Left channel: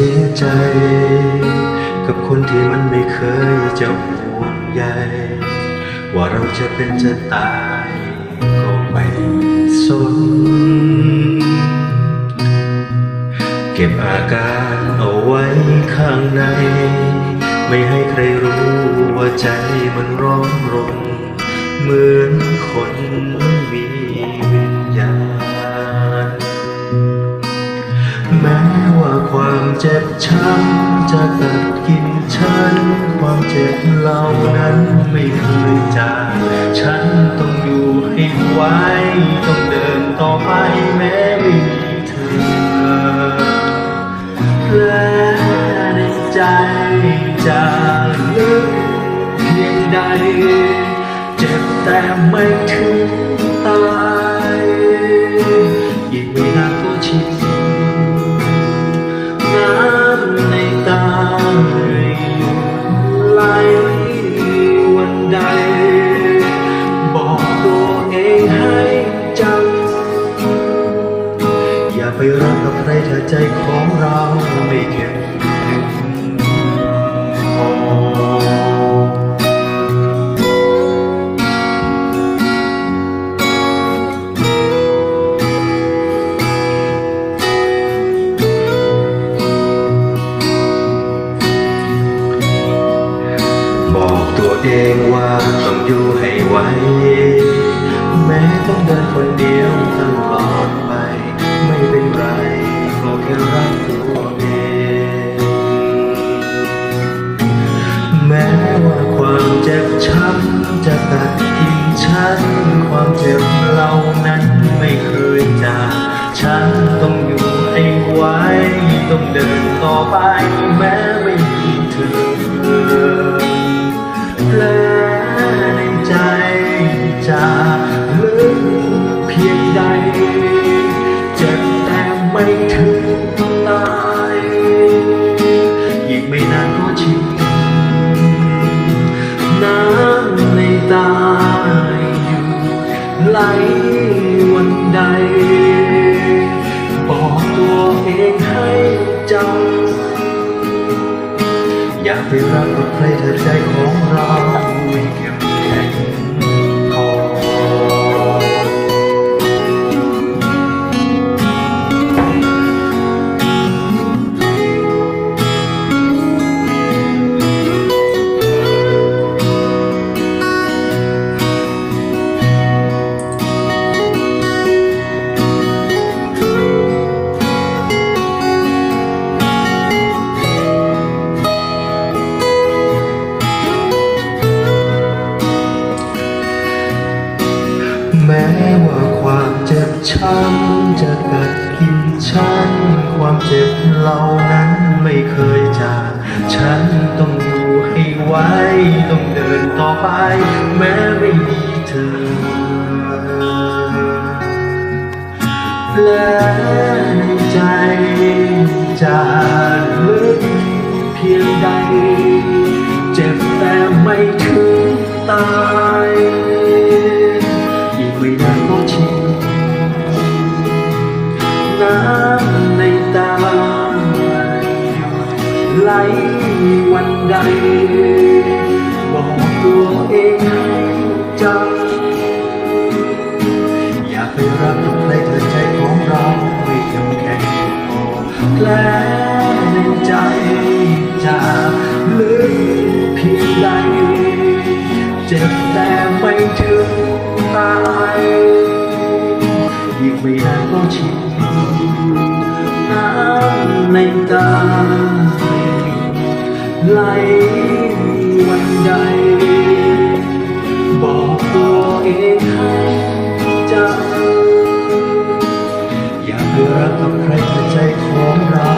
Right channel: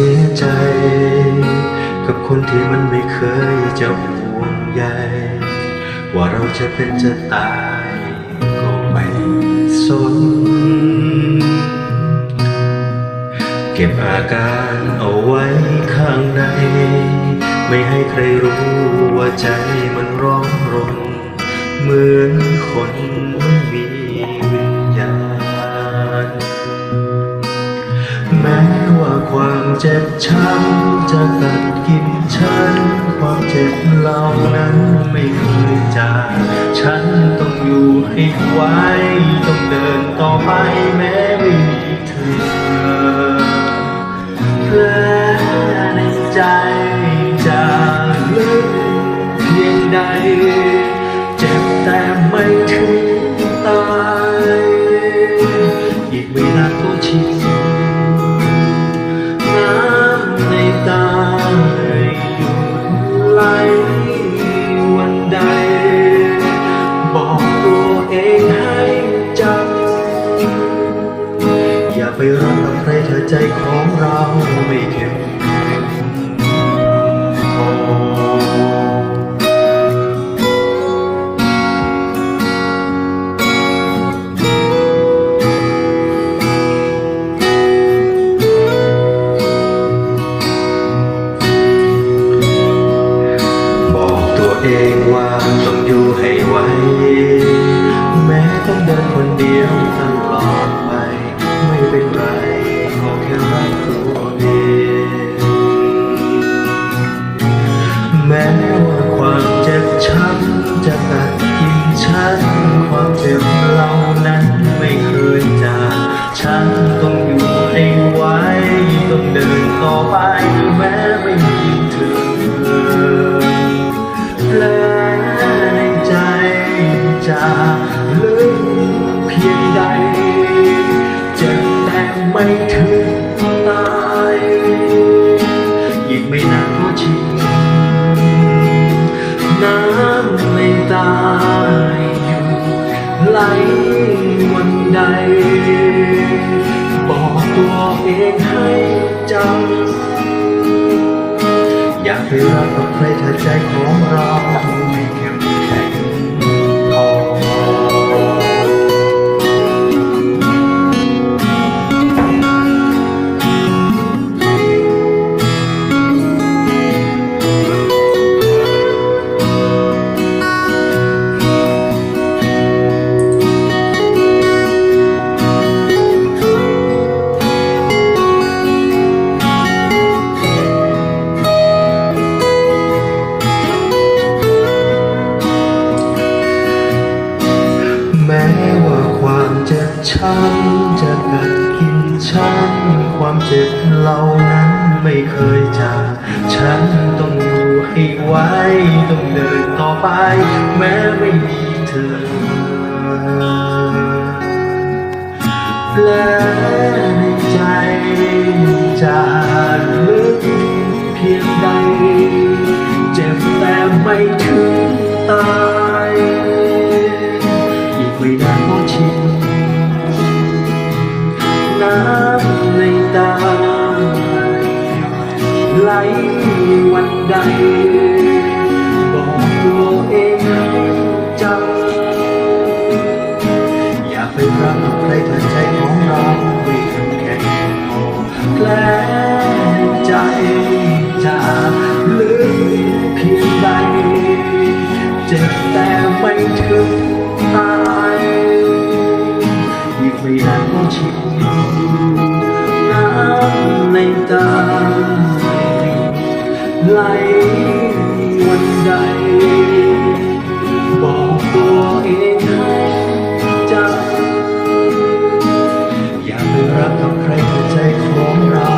สียใจ กับคนที่มันไม่เคยจะห่วงใยว่าเราจะเป็นจะตายก็ไม่สน เก็บอาการเอาไว้ข้างใน ไม่ให้ใครรู้ว่าใจมันร้อนรน เหมือนคนไม่มี ความเจ็บช้ำจะกัดกินฉัน ความเจ็บเหล่านั้นไม่เคยจางฉันต้องอยู่ให้ไหวต้องเดินต่อไปแม้ไม่มีเธอแผลในใจจะลึกเพียงใด เจ็บแต่ไม่ถึงตาย ไปรักกับใครถ้าใจของเราไม่เข้มแข็งพอบอกตัวเองว่าต้องอยู่ให้ไหวแม้ต้องเดินคนเดียวตลอด ไม่เป็นไรก็แค่รักตัวเอง แม้ว่าความเจ็บช้ำจะกัดกินฉัน ความเจ็บเหล่านั้นไม่เคยจางฉันต้องอยู่ให้ไหวต้องเดินต่อไปแม้ไม่มีเธอ ไม่ถึงตายอีกไม่นานก็ชินน้ำในตาหยุดไหลวันใด บอกตัวเองให้จำอย่าไปรักกับใครถ้าใจของเรา แม้ว่าความเจ็บช้ำจะกัดกินฉัน ความเจ็บเหล่านั้นไม่เคยจาก ฉันต้องอยู่ให้ไหวต้องเดินต่อไป แม้ไม่มีเธอ และในใจจะลึกเพียงใด เจ็บแต่ไม่ถึงตา ไม่นานก็ชินน้ำในตาหยุดไหลวันใด บอกตัวเองให้จำอย่าไปรักกับใครถ้าใจของเราไม่เข้มแข็งพอแผลในใจจะลึกเพียงใด เจ็บแต่ไม่ถึง ตายอีกไม่นานก็ชินน้ำในตาหยุดไหลวันใด บอกตัวเองให้จำอย่าไปรักกับใครถ้าใจของเรา